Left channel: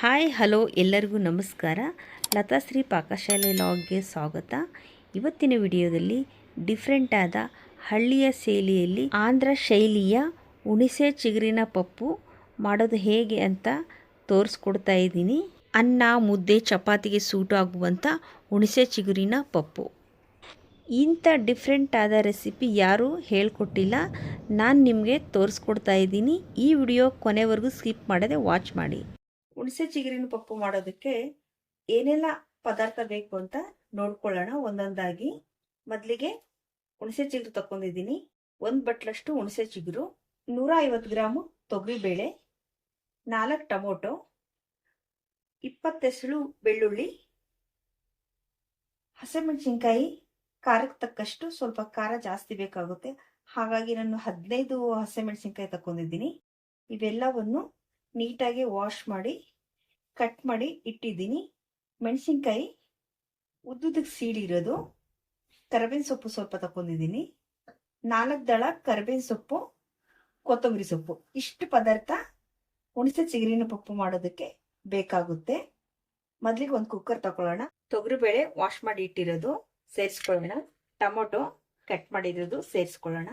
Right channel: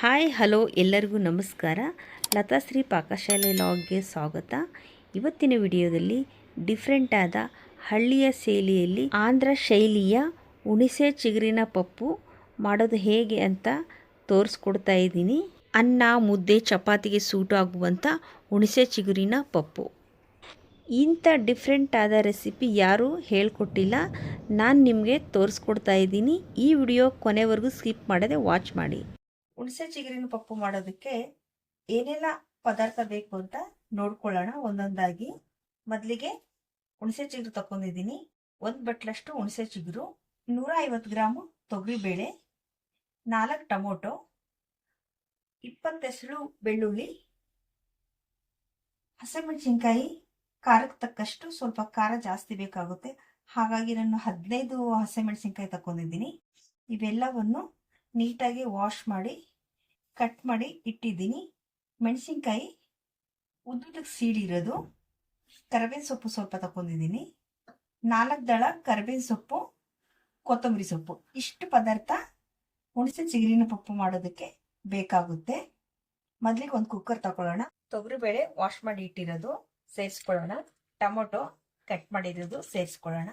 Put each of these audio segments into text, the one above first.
Hi hello ಎಲ್ಲರಿಗೂ ನಮಸ್ಕಾರ. ಲತಾಶ್ರೀ ಪಾಕಶಾಲೆ ಲಾಗ್ಗೆ ಸ್ವಾಗತ. ಇವತ್ತಿನ ವಿಡಿಯೋದಲ್ಲಿ ಡಿಫ್ರೆಂಟ್ ಆದ ಹಳ್ಳಿಯ ಶೈಲಿಯಲ್ಲಿ ಆಂಧ್ರ ಶೈಲಿಯ ಹುಣಿಸೆ ಚಿಗುರಿನ ಪಪ್ಪು ಮಾಡೋದು ಹೇಗೆ ಅಂತ ತೋರಿಸ್ಕೊಡ್ತಾ ಇದ್ದೀನಿ. ಅನ್ನ ಮುದ್ದೆ ಚಪಾತಿಗೆ ಸೂಟ್ ಆಗುವಂಥ ಹುಣಿಸೆ ಚಿಗುರಿನ ಪಪ್ಪು. ಇಂಥ ಡಿಫ್ರೆಂಟ್ ಆದ ರೆಸಿಪಿ ಯಾರೂ ಹೇಳ್ಕೊಟ್ಟಿಲ್ಲ, ನಾನು ನಿಮಗೆ ತೋರಿಸ್ಕೊಡ್ತಾ ಇದ್ದೀನಿ. ಈ ವಿಡಿಯೋ ಕೊನೆವರೆಗೂ ಸ್ಕಿಪ್ ಮಾಡದೆ ವಾಚ್ ಮಾಡಿ. ಹುಣಸೆ ಚಿಗುರಿನ ಪಪ್ಪು ಮಾಡೋದಕ್ಕೆ ಏನೆಲ್ಲ ಪದಾರ್ಥ ಬೇಕು ಅಂತ ನೋಡ್ಕೊಳ್ಳೋಣ ಒಂದೊಂದಾಗಿ. ಮೊದಲಿಗೆ ಹುಣಸೆ ಚಿಗುರು ತಗೊಂಡಿದ್ದೀನಿ. 1 ಬಟ್ಲಷ್ಟು ಹುಣಸೆ ಚಿಗುರು, 150 ಗ್ರಾಮು ತೊಗರಿಬೇಳೆ, 4 ಟೊಮೊಟೊ, 20 ಎಸಳು ಬೆಳ್ಳುಳ್ಳಿ, ಹಸಿಮೆಣಸಿನ್ಕಾಯಿ ಖಾರಕ್ಕೆ ತಕ್ಕಷ್ಟು. ಸ್ವಲ್ಪ ಖಾರ ಜಾಸ್ತಿ ಬೇಕಾಗುತ್ತೆ, ಹಾಗಾಗಿ ನಾನು 15 ಹಸಿಮೆಣಸಿನ್ಕಾಯಿ ತಗೊಂಡಿದ್ದೀನಿ. ಇವೆಲ್ಲವನ್ನು ನೀಟಾಗಿ ವಾಶ್ ಮಾಡಿ ಕಟ್ ಮಾಡಿ ಇಟ್ಟಿದ್ದೀನಿ. ಮೆಣಸಿನ್ಕಾಯಿ ಉದ್ದುದಕ್ಕೆ ಸೀಳಿರೋದು, ಕರಿಬೇವಿನ ಸೊಪ್ಪು ಸ್ವಲ್ಪ ತಗೊಂಡಿದ್ದೀನಿ, 4 ದಳ ಕರಿಬೇವಿನ ಸೊಪ್ಪು, ಕೊತ್ತಂಬರಿ ಸೊಪ್ಪು. ಇಷ್ಟು ಪದಾರ್ಥ ಹುಣಸೆ ಚಿಗುರಿನ ಪಪ್ಪು ಮಾಡೋದಕ್ಕೆ ಬೇಕಾಗುತ್ತೆ. ಮೊದಲಿಗೆ ಒಂದು ಕುಕ್ಕರ್ ತಗೊಳ್ಳೋಣ. ತೊಗರಿಬೇಳೆ ವಾಶ್ ಮಾಡಿ ಇಟ್ಟಿರೋದು ಸೇರಿಸ್ಕೊಳ್ಳೋಣ. ಟೊಮೊಟೊ ಕಟ್ ಮಾಡಿರೋದು ಸೇರಿಸ್ಕೊಳ್ಳೋಣ.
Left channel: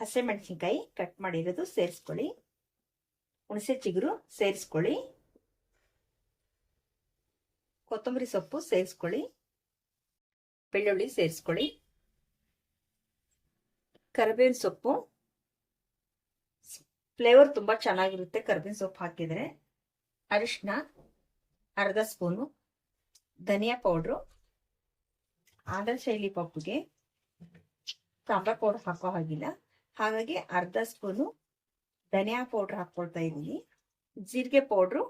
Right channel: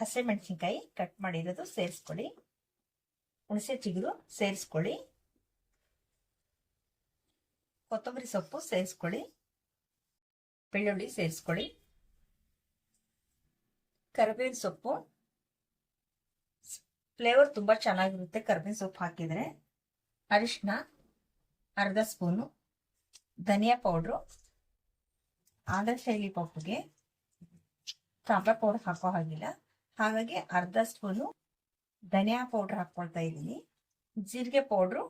ಹಸಿಮೆಣಸಿನ್ಕಾಯಿ ಕಟ್ ಮಾಡಿರೋದು ಸೇರಿಸ್ಕೊಳ್ಳಿ. ಹುಣಸೆ ಚಿಗುರು ಸೇರಿಸ್ಕೊಳ್ಳಿ. ಕೊತ್ತಂಬರಿ ಸೊಪ್ಪು ಸೇರಿಸ್ಕೊಳ್ಳಿ. ಬೆಳ್ಳುಳ್ಳಿ ಸೇರಿಸ್ಕೊಳ್ಳಿ. ಕರಿಬೇವಿನ ಸೊಪ್ಪು, ಫ್ಲೇವರ್ ತುಂಬಾ ಚೆನ್ನಾಗಿರುತ್ತೆ ಕರಿಬೇವಿನ ಸೊಪ್ಪು ಹಾಕಿದ್ರೆ. ಅರಿಶಿನ ಅರ್ಧ ಸ್ಪೂನು, ಧನಿಯಾ ಪೌಡ್ರು, ಆಂಧ್ರ ಶೈಲಿ ಪಪ್ಪುಗೆ ಸಾಂಬಾರ್ ಪೌಡರ್ ಹಾಕೋ ಹಾಗಿಲ್ಲ, ಹಾಗಾಗಿ ಅರ್ಧ ಸ್ಪೂನು ಧನಿಯಾ ಪೌಡ್ರ್ ಹಾಕ್ಕೊಳ್ತಾ ಇದ್ದೀನಿ. ಜೀರಿಗೆ ಪೌಡ್ರು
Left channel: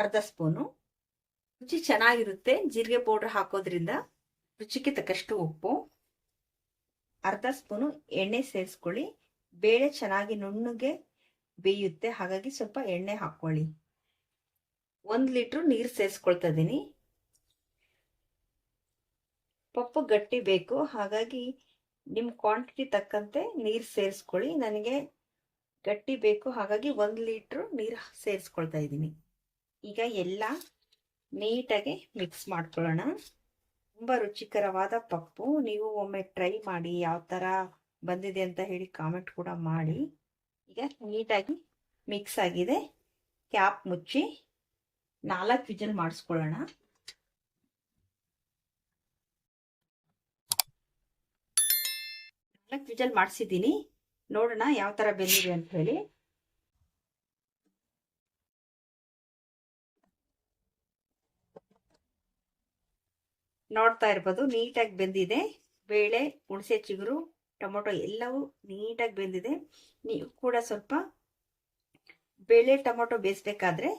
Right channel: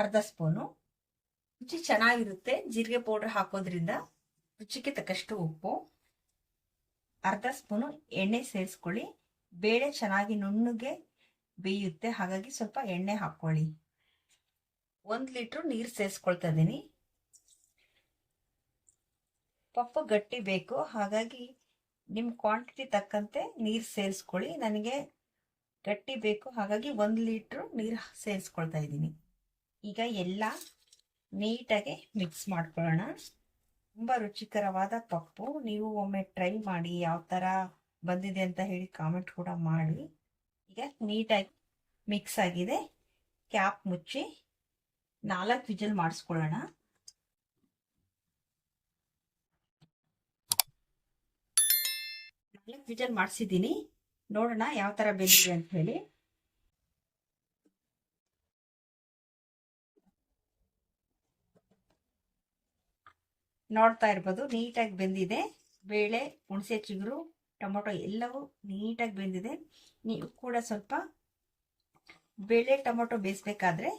ಅರ್ಧ ಸ್ಪೂನು. ರುಚಿ ಚೆನ್ನಾಗಿರುತ್ತೆ ಜೀರಿಗೆ ಪೌಡ್ರ್ ಹಾಕೋದ್ರಿಂದ. ರುಚಿಗೆ ತಕ್ಕಷ್ಟು ಉಪ್ಪು, ಅರ್ಧ ಸ್ಪೂನು ಎಣ್ಣೆ ಸೇರಿಸ್ಕೊಳ್ಳಿ. ಬೇಳೆ ಚೆನ್ನಾಗಿ ನುಣ್ಣಗೆ ಬೇಯುತ್ತೆ, ಹಾಗಾಗಿ ಸ್ವಲ್ಪ ಎಣ್ಣೆ ಹಾಕೊಳ್ಳಿ. 1 ಲೀಟ್ರ್ ನೀರು ಸೇರಿಸ್ಕೊಳ್ತಾ ಇದ್ದೀನಿ. ಪಪ್ಪು ಗಟ್ಟಿ ಬೇಕು, ಹಾಗಾಗಿ ನಿಮ್ಮ ಕ್ವಾಂಟಿಟಿ ತಕ್ಕಂತೆ ನೀರು ಸೇರಿಸ್ಕೊಳ್ಳಿ. ನನಗೆ ಗಟ್ಟಿ ಬೇಕು, ಹಾಗಾಗಿ 1 ಲೀಟ್ರ್ ನೀರು ಸೇರಿಸ್ಕೊಳ್ತಾ ಇದ್ದೀನಿ. ಈಗ ಎಲ್ಲ ನೀಟಾಗಿ ಮಿಕ್ಸ್ ಮಾಡ್ಕೊಳ್ಳೋಣ. ತುಂಬ ರುಚಿಕರವಾದ ಪಪ್ಪು. ನೀವು ಒಮ್ಮೆ ಟ್ರೈ ಮಾಡಿ, ಯಾವ ಥರ ಬಂದಿದೆ ಅಂತ ಹೇಳಿ ಕಾಮೆಂಟ್ ಕೂಡ ಮಾಡಿ. ಈಗ ನೀಟಾಗಿ ಮಿಕ್ಸ್ ಆಗಿದೆ. ಕ್ಯಾಪ್ ಮುಚ್ಚಿ 4 ವಿಜಲ್ ಮಾಡಿಸ್ಕೊಳ್ಳೋಣ. ವಿಜಲ್ ಮಾಡಿಸಿದ್ದೀನಿ. ನೋಡೋಣ ಯಾವ ತರ ಬೆಂದಿದೆ ಅಂತ ಹೇಳಿ. ನೋಡ್ತಾ ಇರ್ಬೋದು ನೀಟಾಗಿ ಬೆಂದಿದೆ. ಬೇಳೆ, ಹುಣಸೆ ಚಿಗುರು, ಟೊಮೊಟೊ ಎಲ್ಲವೂ ನೀಟಾಗಿ ಬೆಂದಿದೆ. ನೀವು ಕೂಡ ಸ್ವಲ್ಪ ಬೇಳೆ ಟೊಮೊಟೊ ಬೇಯಿಸ್ಬೇಕಾದ್ರೆ,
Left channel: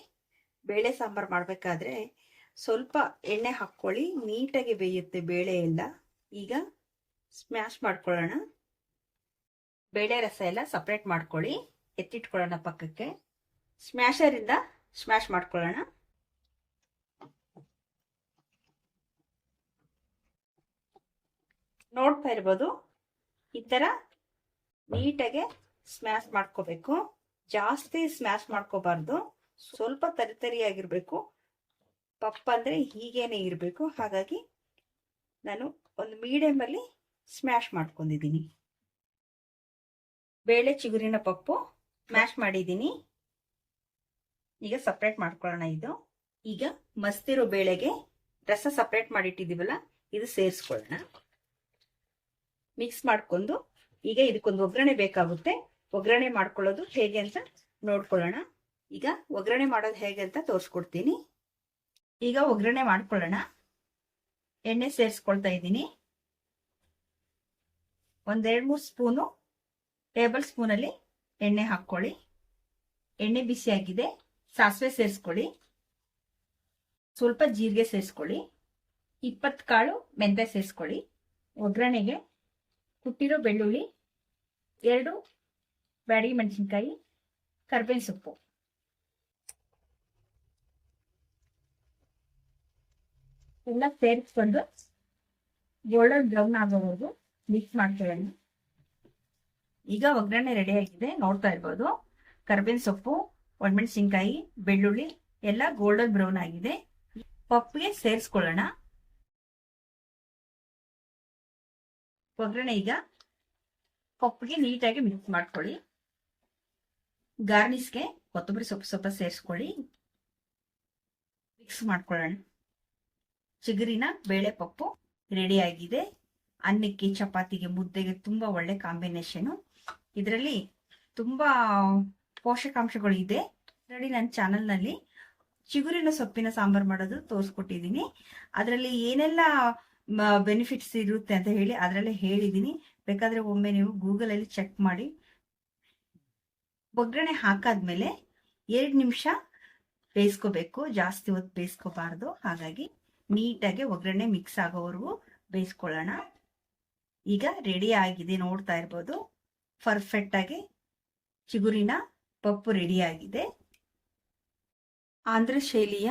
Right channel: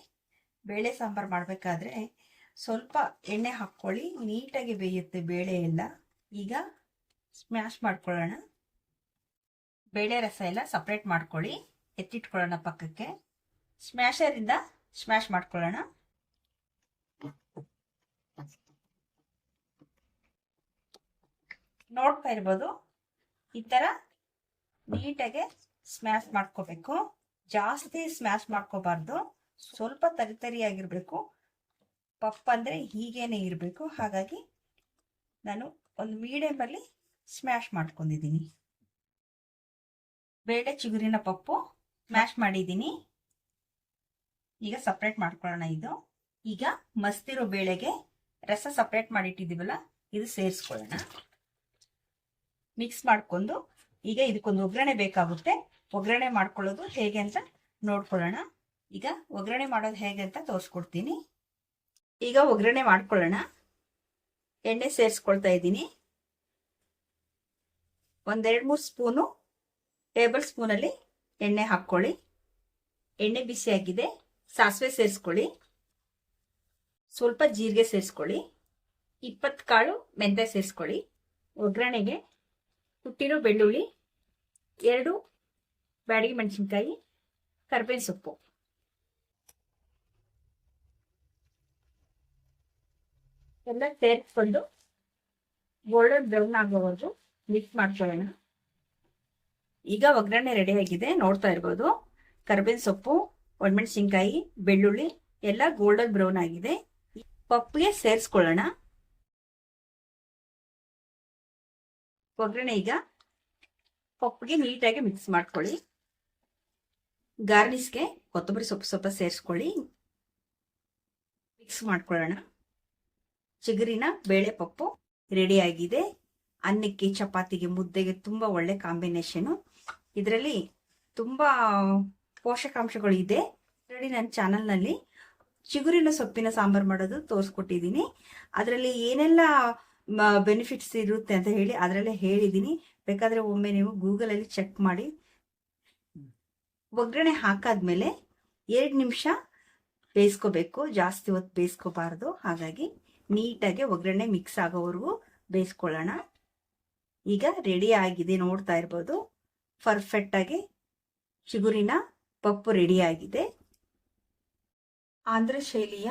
ಬೇಳೆ ಸಾಂಬಾರು ಮಾಡಬೇಕಾದ್ರೆ ಸ್ವಲ್ಪ ಎಣ್ಣೆ ಹಾಕ್ಕೊಳ್ಳಿ, ನೀಟಾಗಿ ಬೇಯುತ್ತೆ ಬೇಳೆ ಎಲ್ಲ. ಈಗ ಸ್ಮ್ಯಾಶ್ ಮಾಡ್ಕೊಳ್ಳೋಣ. ಬೇಳೆ ರಸ ಎಲ್ಲ ಸಪ್ರೇಟ್ ಮಾಡ್ಕೊಳ್ಳಿ, ಎತ್ತಿಟ್ಕೊಳ್ಳೋಣ ಪಕ್ಕಕ್ಕೆ. ಸ್ಮ್ಯಾಶರಿಂದ ಸ್ಮ್ಯಾಶ್ ಮಾಡ್ಕೊಳ್ಳೋಣ. ನೋಡ್ತಾ ಇರ್ಬೋದು ಈ ತರ ನೀಟಾಗೆ ಸ್ಮ್ಯಾಶ್ ಮಾಡ್ಕೋಬೇಕು. ಜಾಸ್ತಿ ಸ್ಮ್ಯಾಶ್ ಮಾಡ್ಕೋಬಾರ್ದು, ಸ್ವಲ್ಪ ತರಿತರಿಯಾಗಿರ್ಬೇಕು. ಪಪ್ಪ ಅಂದ್ರೆ ಹೀಗೇನೆ ಇರಬೇಕು, ಹಾಗಾಗಿ ನಾನು ಒಂದು ಮೀಡಿಯಂ ಅಲ್ಲಿ ಸ್ಮ್ಯಾಶ್ ಮಾಡ್ಕೊಂಡಿದ್ದೀನಿ. ಬೇಳೆ ಚಿಗುರಿನ ಪಪ್ಪು ಸ್ಮ್ಯಾಶ್ ಮಾಡಿದ್ದೀನಿ. ಈಗ ಸಪ್ರೇಟ್ ಮಾಡ್ಕೊಳ್ಳೋಣ. ಈಗ ಮಸ್ತಿರೋ ಬೇಳೆಗೆ ರಸ ಸಪ್ರೇಟ್ ಮಾಡಿಟ್ಟಿದ್ದೀವಲ್ಲ, ಇದು ಸೇರಿಸ್ಕೊಳ್ಳೋಣ. ಮಿಕ್ಸ್ ಮಾಡ್ಕೊಂಡು ಈಗ ಇದಕ್ಕೊಂದು ಒಗ್ಗರಣೆ ಬೇಕಾಗುತ್ತೆ. ಒಗ್ಗರಣೆ ಮಾಡ್ಕೊಳ್ಳೋದು ಹೇಗೆ ಅಂತ ನೋಡ್ಕೊಳ್ಳೋಣ. ಈಗ ಒಗ್ಗರಣೆ ಮಾಡೋದು ಹೇಗೆ ಅಂತ ತೋರಿಸ್ಕೊಡ್ತೀನಿ. ಈಗ ಒಗ್ಗರಣೆ ಮಾಡ್ಕೊಳ್ಳೋಣ. ಎಣ್ಣೆ ಸೇರಿಸ್ಕೊಳ್ತಾ ಇದ್ದೀನಿ. 1-2-3 ಸ್ಪೂನು ಟೇಬಲ್ ಸ್ಪೂನಲ್ಲಿ ಎಣ್ಣೆ ಹಾಕ್ಕೊಳ್ಳಿ. ಎಣ್ಣೆ ಬಿಸಿ ಆಗಿದೆ. ಸಾಸಿವೆ ಸೇರಿಸ್ಕೊಳ್ಳಿ. ಸ್ವಲ್ಪ ಜೀರಿಗೆ ಸೇರಿಸ್ಕೊಳ್ಳಿ. 20 ಕಾಳು ಮೆಂತ್ಯ ಸೇರಿಸ್ಕೊಳ್ಳಿ. ಒಗ್ಗರಣೆಗೆ ಕುಟ್ಟಿರೋ ಬೆಳ್ಳುಳ್ಳಿ, 2 ಬ್ಯಾಡಗಿ ಮೆಣಸಿನ್ಕಾಯಿ, ಕರಿಬೇವಿನ ಸೊಪ್ಪು, ಎಲ್ಲ ಸೇರಿಸ್ಕೊಂಡು ಗೋಲ್ಡನ್ ಬ್ರೌನ್ ಆಗೋವರೆಗೂ ಮಿಕ್ಸ್ ಮಾಡ್ಕೊಳ್ಳೋಣ. ಈಗ ಒಗ್ಗರಣೆ ರೆಡಿ ಆಗಿದೆ, ನೋಡ್ತಾ ಇರ್ಬೋದು. ಕರ್ಬೇವಿನ ಸೊಪ್ಪು, ಒಣಮೆಣಸಿನ್ಕಾಯಿ, ಬೆಳ್ಳುಳ್ಳಿ ಎಲ್ಲ ಗೋಲ್ಡನ್ ಬ್ರೌನ್ ಆಗಿದೆ. ಪಪ್ಪಿಗೆ ಸೇರಿಸ್ಕೊಳ್ಳೋಣ. ಒಗ್ಗರಣೆ ಈಗ ಪಪ್ಪಿಗೆ ನೀಟಾಗಿ ಮಿಕ್ಸ್ ಮಾಡ್ಕೊಳ್ಳಿ. ಗಾರ್ನಿಷ್ಗೆ ಕೊತ್ತಂಬರಿ ಸೊಪ್ಪು ಸ್ವಲ್ಪ ಸೇರಿಸ್ಕೊಳ್ಳಿ. ಮಿಕ್ಸ್ ಮಾಡ್ಕೊಳ್ಳೋಣ. ಚಿಗುರಿನ ಬೇಳೆ ಪಪ್ಪು ರೆಡಿ ಆಗಿದೆ. ಅನ್ನಕ್ಕೆ, ಚಪಾತಿಗೆ, ಮುದ್ದೆಗೆ ತುಂಬಾ ಒಳ್ಳೆ ಕಾಂಬಿನೇಷನ್. ಇದರಲ್ಲಿ ತುಂಬಾ ಪೋಷಕಾಂಶಗಳು ಇದೆ. ನೋಡಿ, ನನ್ನ ಚಾನಲ್ನಲ್ಲಿ ಚಿಗುರಿನ ಸೊಪ್ಪಿನ ಸಾಂಬಾರು ಮಾಡೋದು ತೋರಿಸ್ಕೊಟ್ಟಿದ್ದೀನಿ. ಅದರಲ್ಲಿ ಏನೆಲ್ಲ ಬೆನಿಫಿಟ್ಸ್ ಇರುತ್ತೆ ಅಂತ ಹೇಳಿ ಅದರಲ್ಲೇ ಹೇಳಿದ್ದೀನಿ. ಬೇಕಾದ್ರೆ ಒಮ್ಮೆ ನೀವು ಗೂಗಲಲ್ಲಿ ಚೆಕ್ ಮಾಡಿ. ಒಗ್ಗರಣೆ ಹಾಕಾದ್ಮೇಲೆ 2 ನಿಮಿಷ ಬೇಯಿಸ್ಕೋಬೇಕು, ಜಾಸ್ತಿ ಹೊತ್ತು ಬೇಯಿಸ್ಕೋಬಾರ್ದು. ಹಾಗಾಗಿ ನೀಟಾಗಿ ಒಗ್ಗರಣೆ ಮಿಕ್ಸ್ ಆಗೋವರೆಗೂ ಬೇಯಿಸ್ಕೊಳ್ಳೋಣ. ಈಗ ರೆಡಿ ಆಗಿದೆ, ನೋಡ್ತಾ ಇರ್ಬೋದು. ಪರ್ಫೆಕ್ಟ್ ಆಗಿ ಚಿಗುರಿನ ಪಪ್ಪು ರೆಡಿ ಆಗಿದೆ. ಆಂಧ್ರ ಶೈಲಿಯ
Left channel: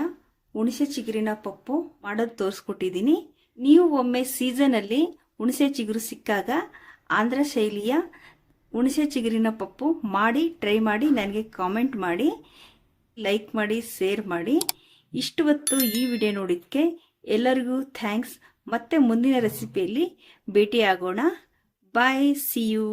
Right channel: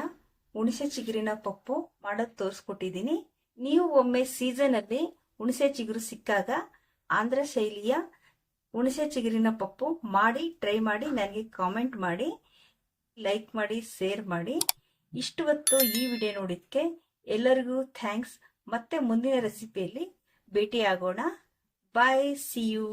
ಹುಣಸೆ ಚಿಗುರಿನ ಪಪ್ಪು ಮಾಡೋದು ತೋರಿಸ್ಕೊಟ್ಟಿದ್ದೀನಿ. ನೀವು ಒಮ್ಮೆ ಸೀಸನಲ್ಲಿ ಹುಣಸೆ ಚಿಗುರು ಸಿಕ್ಕಾಗ ಆಂಧ್ರ ಶೈಲಿಯ ಹುಣಸೆ ಚಿಗುರಿನ ಪಪ್ಪು ಮಾಡಿ ಟ್ರೈ ಮಾಡಿ ನನಗೆ ಕಾಮೆಂಟ್ ಮಾಡಿ, ಲೈಕ್ ಮಾಡಿ, ಶೇರ್ ಮಾಡಿ. ಇಷ್ಟು ಹೊತ್ತು ಈ ವಿಡಿಯೋ ನೋಡಿದ್ದಕ್ಕೆ ಎಲ್ಲರಿಗೂ ಥ್ಯಾಂಕ್ಸ್. ಮತ್ತೆ ಮುಂದಿನ ರೆಸಿಪಿಯಲ್ಲಿ ಭೇಟಿಯಾಗೋಣ. ಬಾಯ್, ಸಿ ಯು.